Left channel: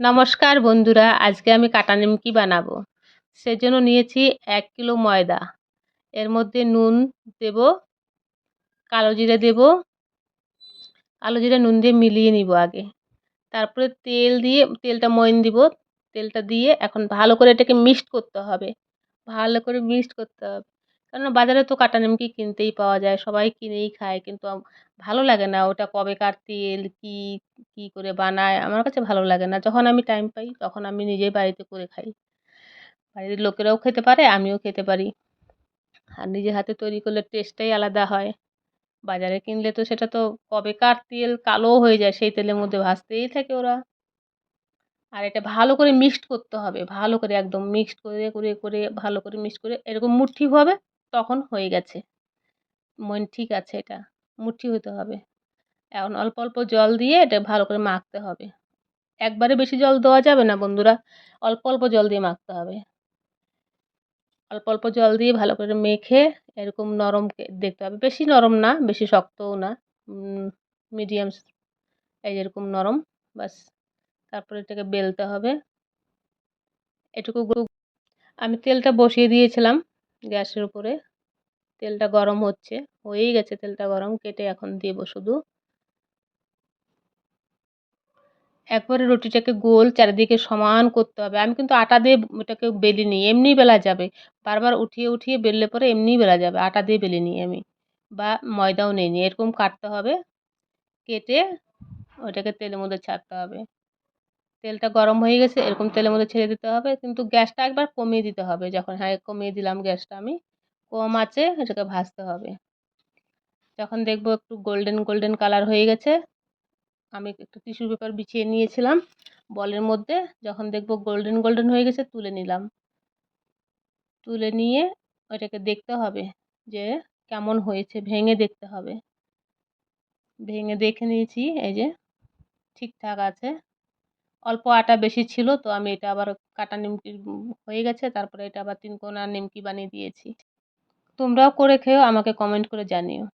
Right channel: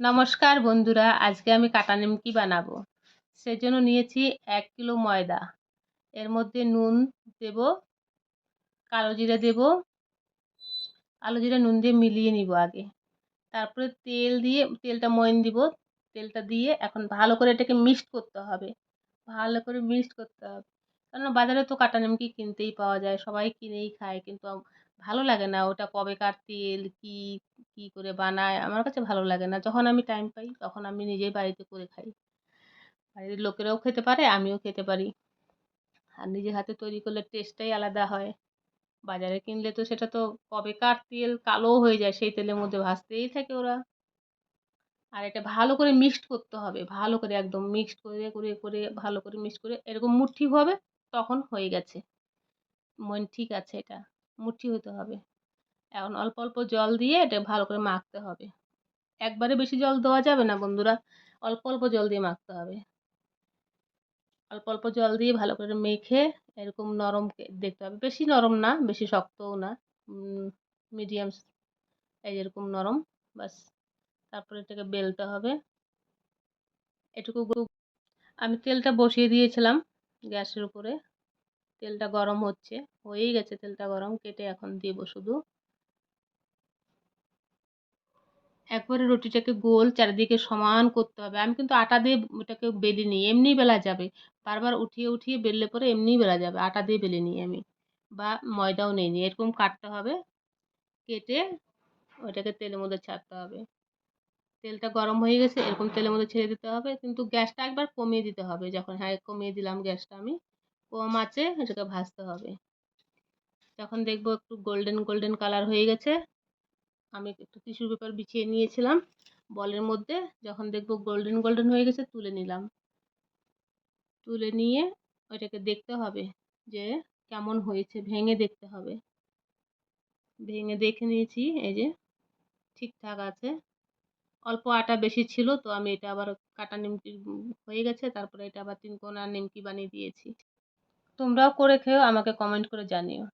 নমস্কার বন্ধুরা, আজকে আমি কাটা নিমকি বানাবো। সেজন্য নিয়েছি 1 কিলো ময়দা। এর মধ্যে নুন দেব, কালো জিরে দেব, কালো জিরে নুন দিয়ে মিলিয়ে নিব আগে। তারপরে তেল দিয়ে তেলটা ময়ান দিব। তেলটা দিয়ে এখন ভালো করে এটাকে মিক্সড করতে হবে। ভালো করে মিক্সড করতে হবে। কেননা বাজারে তো কাটা নিমকি কিনতেই পাওয়া যায়। সবাই কিনেই খায়। কিন্তু ভালো লাগে না ওটা কবেকার তেল, কি করে বানায় আমার কাছে ভালো লাগে না। যখন আমি টাইম পাই তখন আমি নিজেই বাড়িতে করে খাই। বাড়ির লোকেরাও খেতে পারে, আমিও খেতে পারি। আর নিজের হাতে তৈরি করলে টেস্টটাই আলাদা হয়। বাজারে কিনলে তো সেটা তো কবেকার তেল, কালোও হয়ে যায়। সেই তেলের মধ্যে ভাজতেই থাকে ওরা। আর এটা ভালো করে মিক্সড করতে হবে। ভালো করে একদম মিক্সড করে ভালো করে মিক্সড করে এরকম মুঠি হবে, তখন হয়ে গেছে। ঠিক আছে এটা। মুঠি হতে হবে। এখন অল্প, অল্প জল দিয়ে এটা ভালো করে মাখতে হবে। একবারে বেশি জল দেওয়া যাবে না বন্ধুরা। অল্প, অল্প জল দিয়ে মাখতে হবে। অল্প, অল্প জল দিয়ে ভালো করে মেখে এরকম নরম দেখতে হবে। বেশি নরম না, বেশি শক্তও না। মিডিয়াম এই যেরকম নরম, ব্যাস। তারপরে এটাকে বেলতে হবে। এটুকু আমি তেলটা বসিয়ে দিয়েছিলাম গ্যাসের উপরে। তেলটা গরম হচ্ছে। হয়েই গেছে তেলটা গরম। কেটে এখন দেব শুধু। একবারে রুটিটাকে গোল চারিদিকে সমান করতে হবে। আমি কিন্তু আটা দিয়ে ওটাকে বেলিনি। এমনিই বেলা যাবে। বারবার উঠিয়ে, উঠিয়ে বেললে পরে এমনিই বেলা যাবে। আটা দিয়ে বেলিনি আমি। বা ময়দাও নেইনি। এরকম কাটতে হবে। কেটে ওইটাকে তেলের মধ্যে ছাড়তে হবে। তেলটা গরম হয়ে গেছে, এরকম তেলের মধ্যে ছেড়ে দিতে হবে। কিন্তু গ্যাসটা একবার কমিয়ে দিতে হবে। যখন কমিয়ে দিলাম গ্যাসটা আমি। কম আঁচে এটাকে ভাজতে হবে। যখন দেখবো একটু গোল্ডেন, গোল্ডেন কালার হয়ে গেছে, আমি একটু টিস্যু পেপার বিছিয়ে নিয়েছিলাম বলের মধ্যে। যখন দেখবো গোল্ডেন, গোল্ডেন হয়ে গেছে তুলে নিলাম। তুলে নিয়ে ওইটাকে দেখতে হবে যে কেমন হয়েছে, ভেঙে দেখতে হবে। ভেঙে দেখে নিয়েছি, এই যে ঠিকঠাক আছে। অল্প আটা বেশি ছিল তো আমি এটা আবার কাটা নিমকি হয়ে গেছে। তারপরে এটা আবার 3 কোনা নিমকি বানিয়ে দিয়েছি। তোমরাও করে খেও, আমাকে কমেন্ট করে জানিও।